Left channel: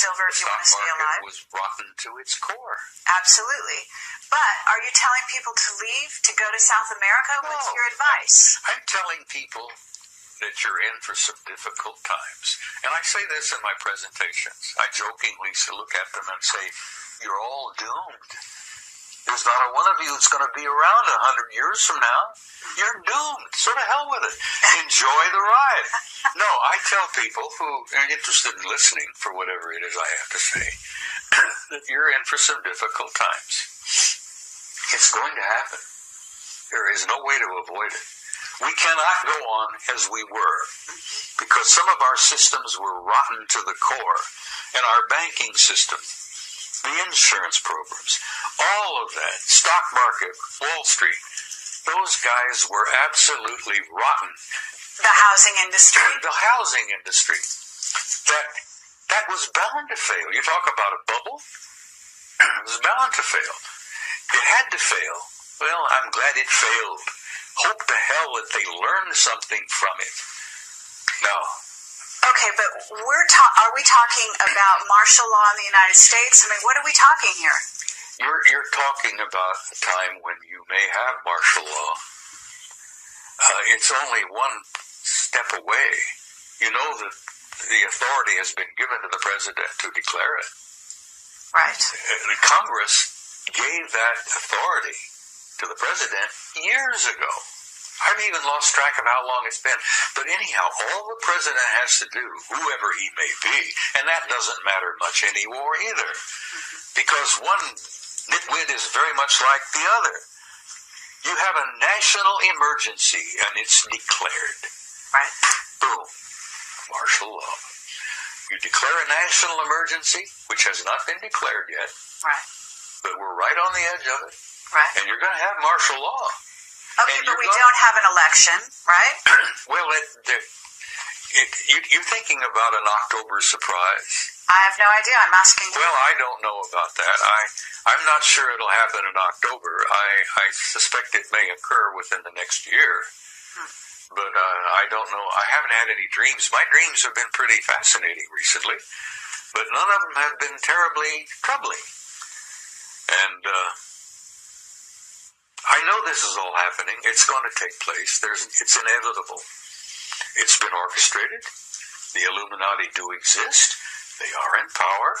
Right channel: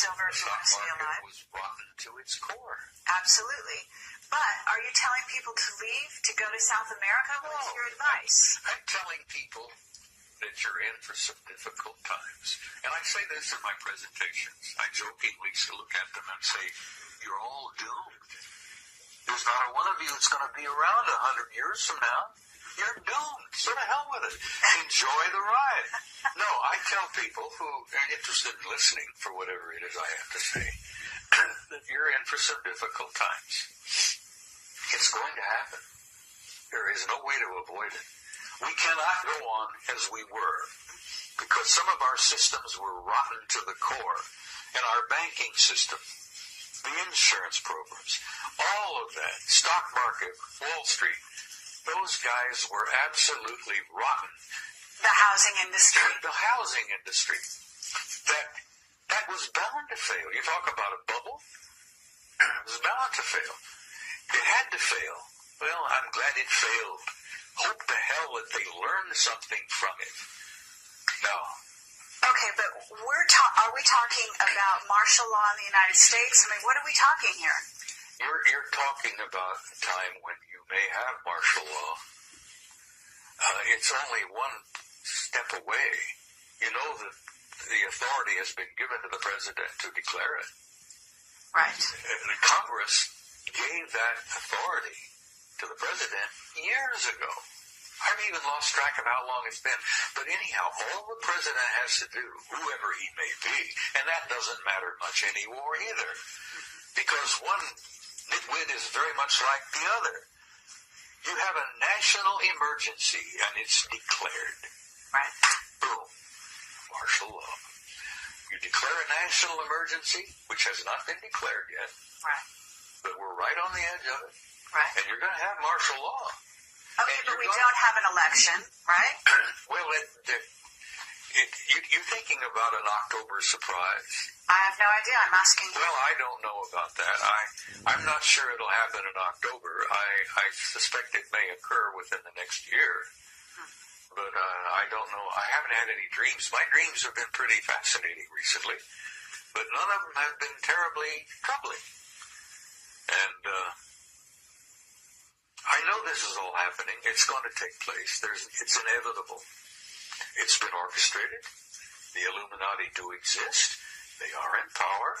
silver if you want to stay alive. The stock market was rotten to its core. Absolutely. But are you telling people to leave, to go to South America? No, what's your advice? I'm telling people that you're in for some difficult times. And I say this in my presentations. I jokingly look at them and say, you're all doomed. There's not a one of you that's going to be around 100 years from now. You're doomed. So to hell with it. Enjoy the ride. No, I tell people who are interested in listening for whatever it is I have to say, that you're in for some difficult times. It's going to happen. There is no way to avoid it. We cannot go on as we were because some of our systems were rotten to the core, and our banking system, the insurance programs, all of that, stock market, Wall Street, those guys were absolutely rotten. The housing industry. The housing industry. That was bound to fail. You talk about a bubble? It was bound to fail. It had to fail. Well, I'm glad it failed. Hope to hell that they learned something from it. No. Okay, but are we talking about martial law in the United States? I mean, what are we talking here? You're talking about a time when you may have martial law. It's only one step away. You know that the authority has been given to the president to declare it. Right. The Congress gave that authority to the president years ago. I've even lost track of how long it's been. But anyhow, all the president has to do, whoever he may be, and that doesn't matter much anymore either, because one nitwit is very much like the other. You have a national emergency, and it's declared. Right. Boom. Martial law. You declare a national emergency, which has not been declared yet. Right. But we're right on the edge of it. Right. And you're going to have martial law. Okay, but we don't have an election, right? Well, you're thinking about an October surprise. I have no idea. I'm asking you. Well, I don't know about that. I'm not sure it'll happen in October. I suspect it may occur within the next year. But I don't know. I haven't had any dreams. My dreams have been pretty fascinating recently, but none of them have been terribly troubling. And I know this is all happening. It's going to take place. It's inevitable. It's been orchestrated. The Illuminati do exist. They are in power.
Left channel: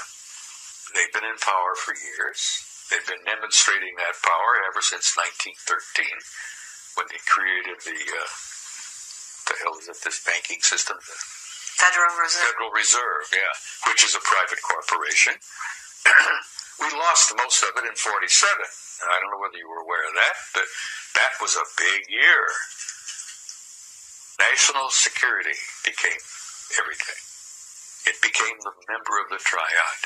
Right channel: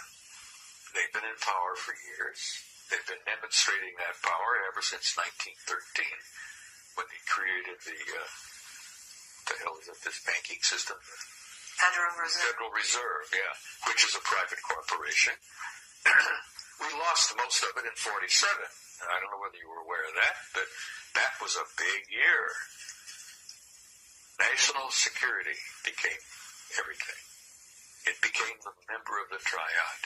They've been in power for years. They've been demonstrating that power ever since 1913, when they created this banking system? Federal Reserve. Federal Reserve, yeah, which is a private corporation. We lost most of it in 47. I don't know whether you were aware of that, but that was a big year. National security became everything. It became the member of the triad.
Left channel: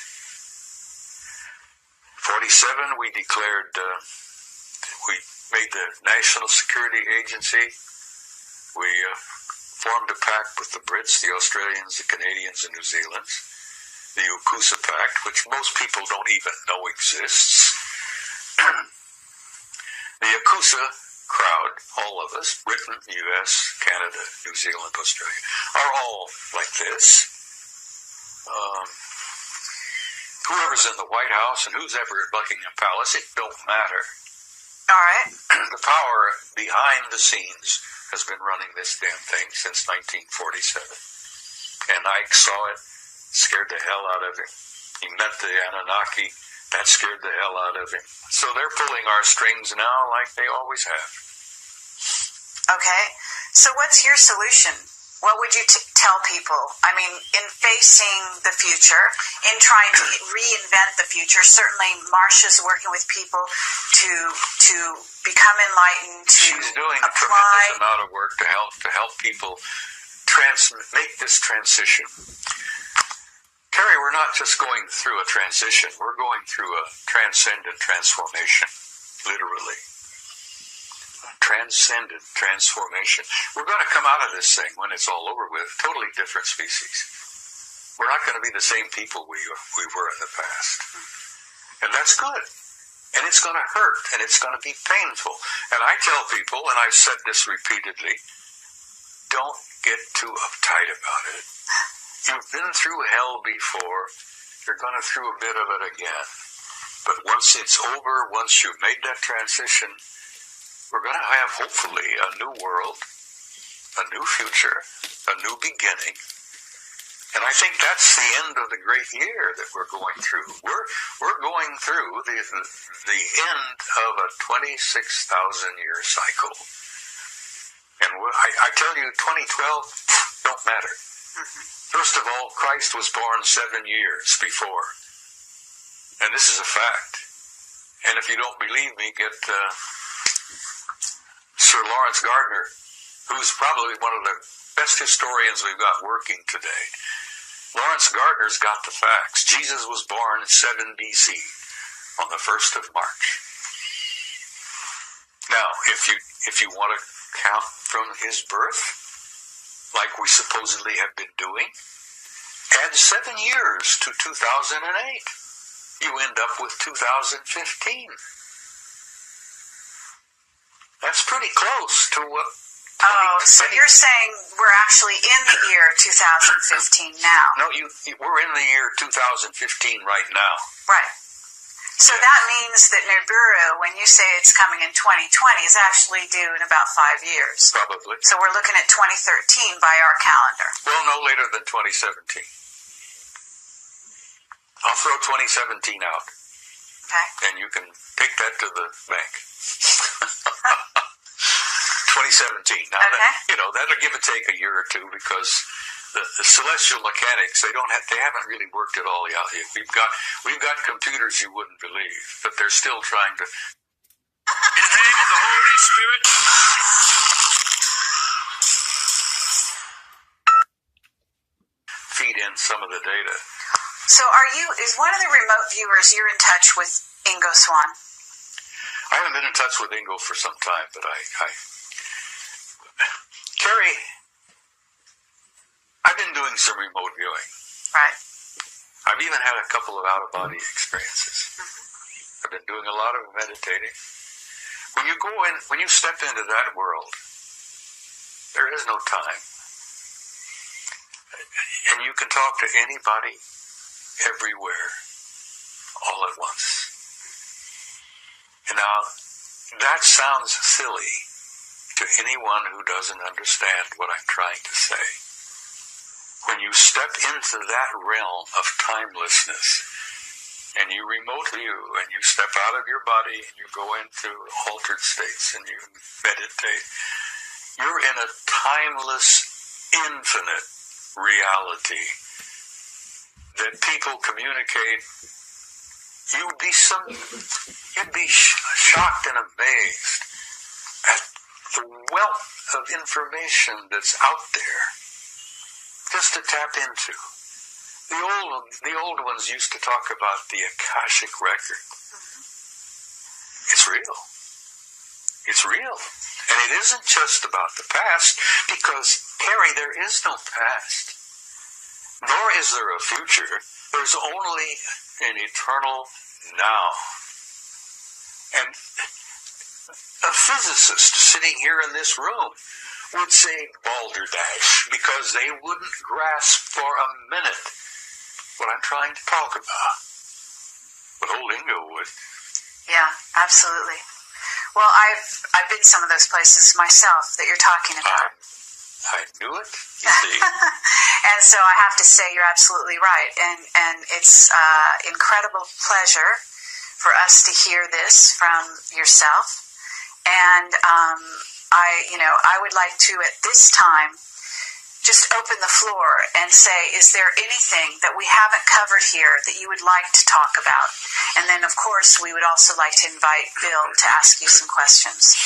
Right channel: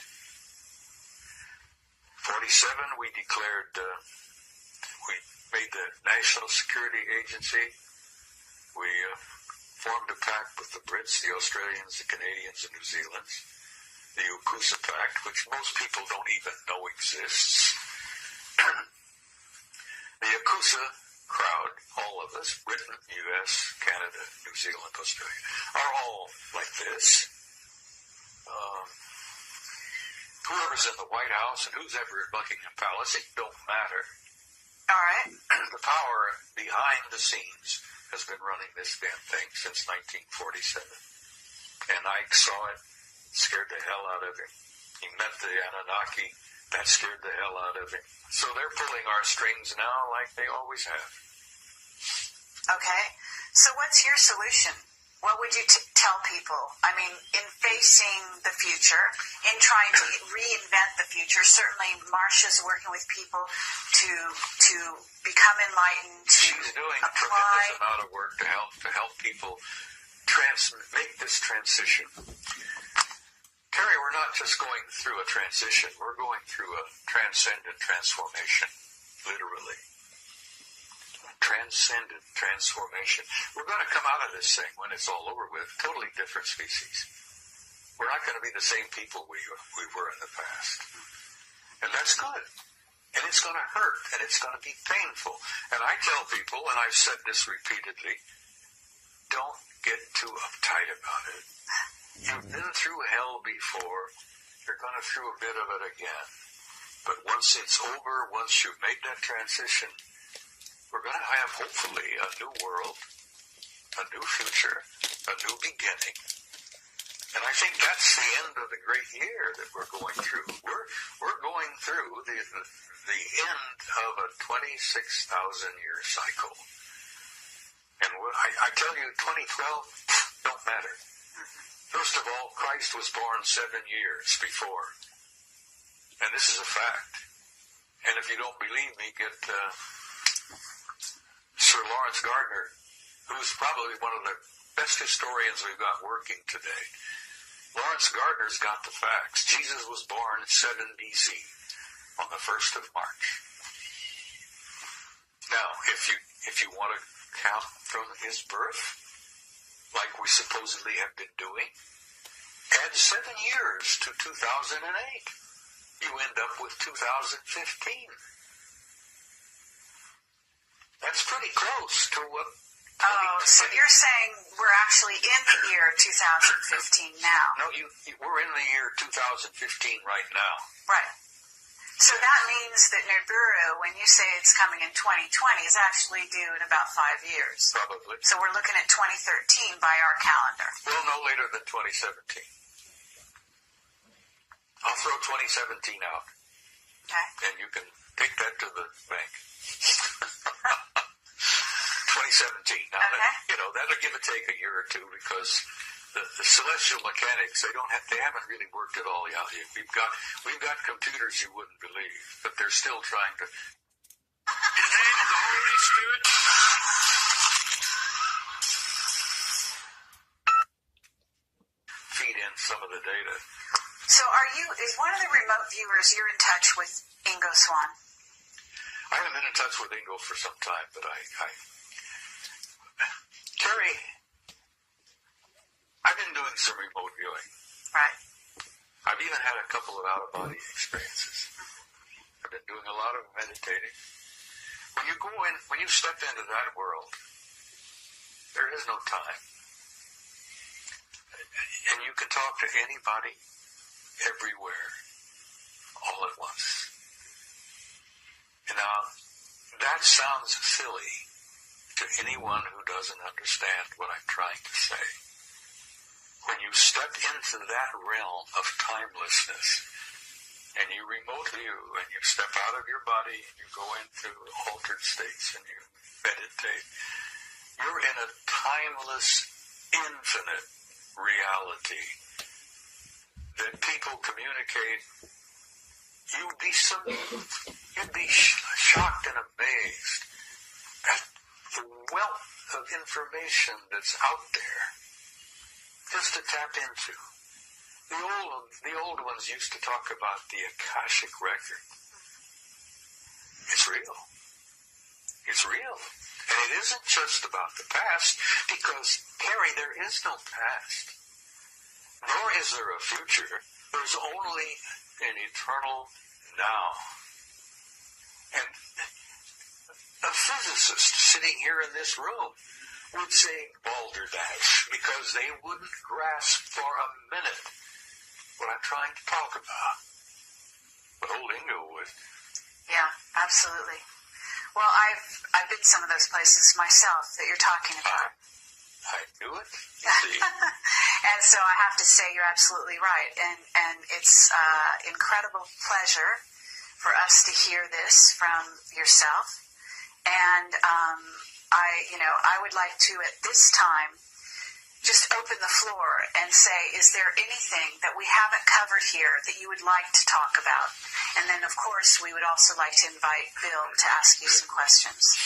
47, we declared, we made the National Security Agency. We formed a pact with the Brits, the Australians, the Canadians, and New Zealanders. The UKUSA Pact, which most people don't even know exists. The UKUSA crowd, all of us, Britain, US, Canada, New Zealand, Australia, are all like this. Whoever's in the White House and who's ever at Buckingham Palace, it don't matter. All right. The power behind the scenes has been running this damn thing since 1947. And Ike saw it, scared the hell out of him. He met the Anunnaki, that scared the hell out of him. So they're pulling our strings now like they always have. Okay. So what's your solution? What would you tell people? I mean, in facing the future, in trying to reinvent the future, certainly Marsha's working with people to become enlightened, to She's doing apply. a tremendous amount of work to help people make this transition. Carrie, we're not just going through a transition. We're going through a transcendent transformation, literally. Transcendent transformation. We're going to come out of this thing when it's all over with, totally different species. We're not going to be the same people we were in the past. And that's good. And it's going to hurt, and it's going to be painful. And I tell people, and I've said this repeatedly, don't get too uptight about it. You've been through hell before. You're going through a bit of it again. But once it's over, once you've made that transition, we're going to have, hopefully, a new world, a new future, a new beginning. And I think that's the end of the great year that we're going through. We're going through the end of a 26,000-year cycle. And I tell you, 2012 don't matter. First of all, Christ was born 7 years before. And this is a fact. And if you don't believe me, get Sir Lawrence Gardner, who's probably one of the best historians we've got working today. Lawrence Gardner's got the facts. Jesus was born 7 BC on the 1st of March. Now, if you want to count from his birth, like we supposedly have been doing, add 7 years to 2008. You end up with 2015. That's pretty close to what... Oh, so you're saying we're actually in the year 2015 now? No, we're in the year 2015 right now. Right. So that means that Nibiru, when you say it's coming in 2020, is actually due in about 5 years. Probably. So we're looking at 2013 by our calendar. Well, no later than 2017. I'll throw 2017 out. Okay. And you can take that to the bank. 2017. Now, okay. That'll give or take a year or two because the celestial mechanics, they haven't really worked it all out yet. We've got computers you wouldn't believe, but they're still trying to. In the name of the Holy Spirit. Feed in some of the data. So is one of the remote viewers, you're in touch with Ingo Swann? I haven't been in touch with Ingo for some time, but Carrie, I've been doing some remote viewing. Right. I've even had a couple of out-of-body experiences. I've been doing a lot of meditating. When you step into that world, there is no time. And you can talk to anybody, everywhere, all at once. And now, that sounds silly to anyone who doesn't understand what I'm trying to say. When you step into that realm of timelessness, and you remote view, and you step out of your body, and you go into altered states, and you meditate, you're in a timeless, infinite reality that people communicate. You'd be shocked and amazed at the wealth of information that's out there just to tap into. The old ones used to talk about the Akashic record. It's real. It's real. And it isn't just about the past, because, Carrie, there is no past. Nor is there a future. There's only an eternal now. And a physicist sitting here in this room would say balderdash because they wouldn't grasp for a minute what I'm trying to talk about. But old Ingo would. Yeah, absolutely. Well, I've been some of those places myself that you're talking about. I knew it, you see. And so I have to say you're absolutely right. And it's incredible pleasure for us to hear this from yourself. And I would like to, at this time, just open the floor and say, is there anything that we haven't covered here that you would like to talk about? And then, of course, we would also like to invite Bill to ask you some questions.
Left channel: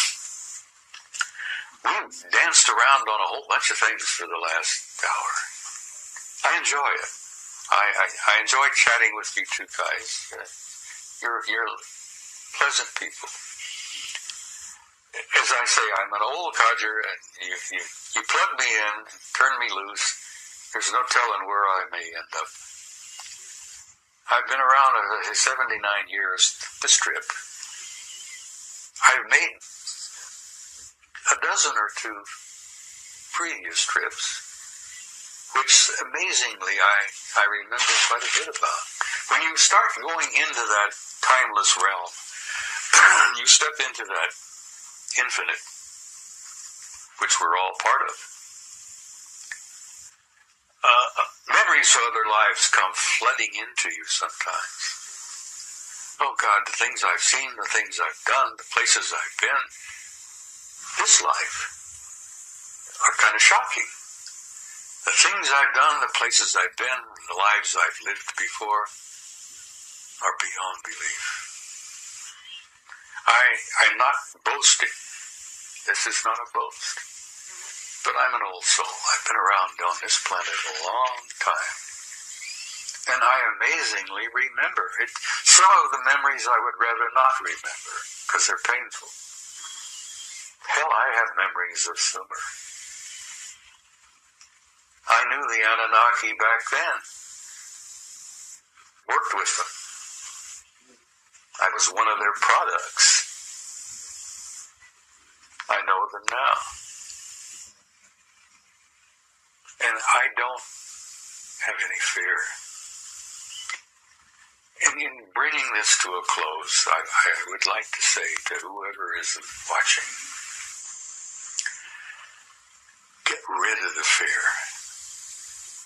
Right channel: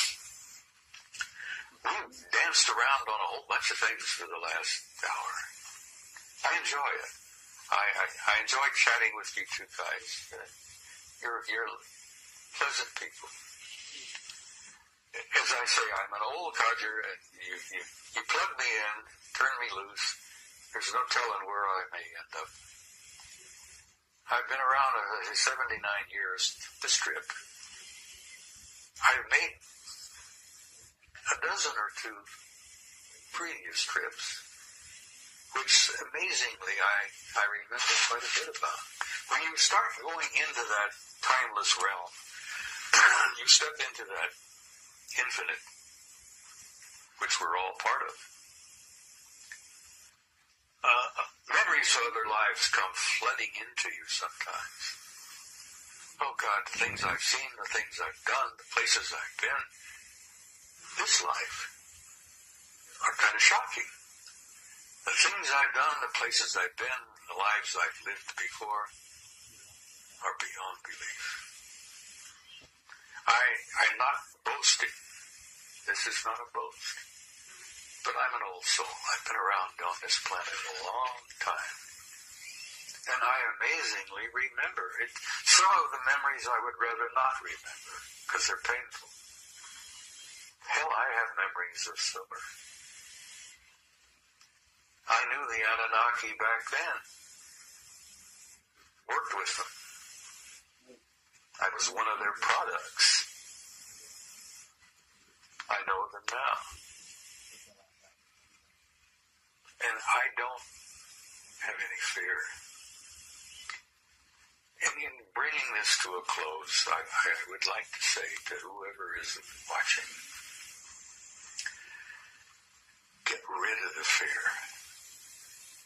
We've danced around on a whole bunch of things for the last hour. I enjoy it. I enjoy chatting with you two guys. You're pleasant people. As I say, I'm an old codger, and you plug me in, turn me loose. There's no telling where I may end up. I've been around 79 years, this trip. I've made a dozen or two previous trips which amazingly I remember quite a bit about. When you start going into that timeless realm, you step into that infinite, which we're all part of. Memories of other lives come flooding into you sometimes. Oh God, the things I've seen, the things I've done, the places I've been, this life are kind of shocking. The things I've done, the places I've been, the lives I've lived before are beyond belief. I'm not boasting. This is not a boast. But I'm an old soul. I've been around on this planet a long time. And I amazingly remember it. Some of the memories I would rather not remember because they're painful. Hell, I have memories of Sumer. I knew the Anunnaki back then. Worked with them. I was one of their products. I know them now. And I don't have any fear. And in bringing this to a close, I would like to say to whoever is watching, get rid of the fear.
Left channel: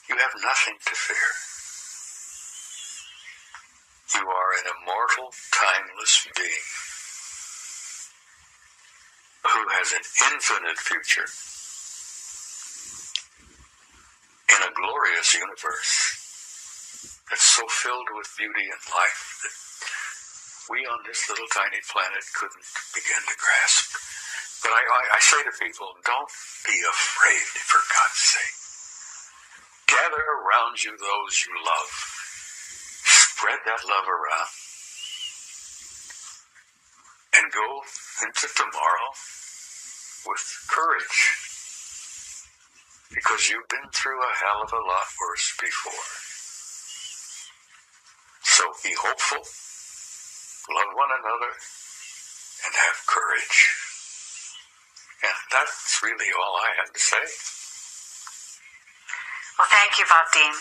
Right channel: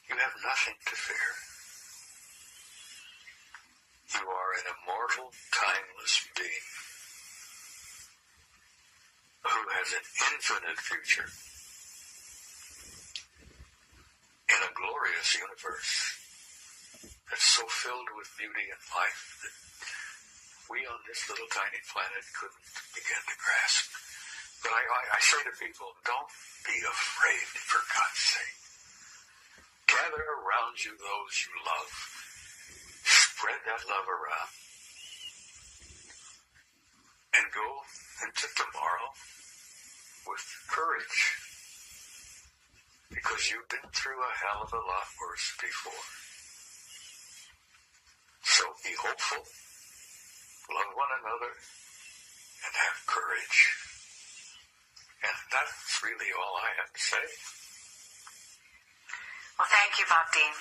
You have nothing to fear. You are an immortal, timeless being who has an infinite future in a glorious universe that's so filled with beauty and life that we on this little tiny planet couldn't begin to grasp. But I say to people, don't be afraid, for God's sake. Gather around you those you love. Spread that love around. And go into tomorrow with courage. Because you've been through a hell of a lot worse before. So be hopeful, love one another, and have courage. And that's really all I had to say. Well, thank you, Bob Dean.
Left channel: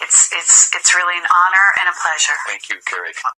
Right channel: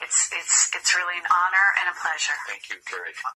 It's really an honor and a pleasure. Thank you, Carrie.